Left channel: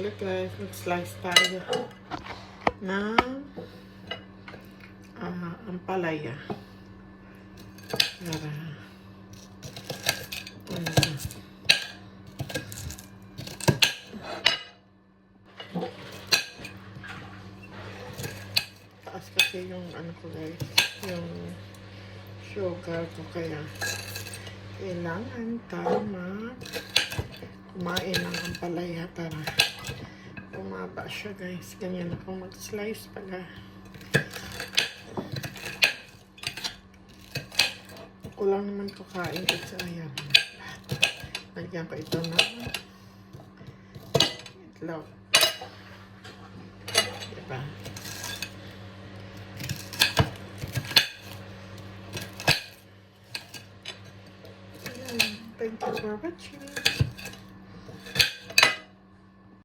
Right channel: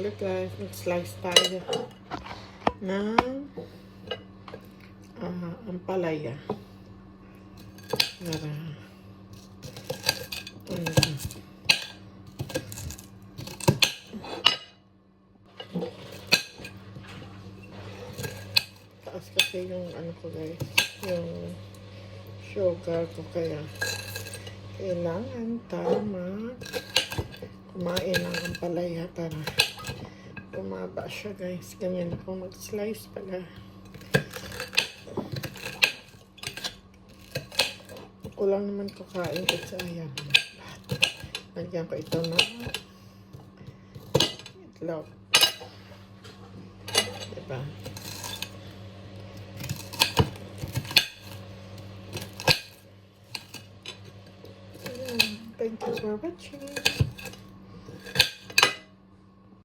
Look guys, mag-slice tayo ng ampalaya. Para taas kasi yung ano ko guys, yung sugar ko, kaya kailangan tayo kumain ng ampalaya para bumaba siya guys. Ganyan ako mag-slice pala. Ako lang naman kakain kasi ayan. Lagyan ko ito na itlog. Diba? Ayan. Thank you for watching.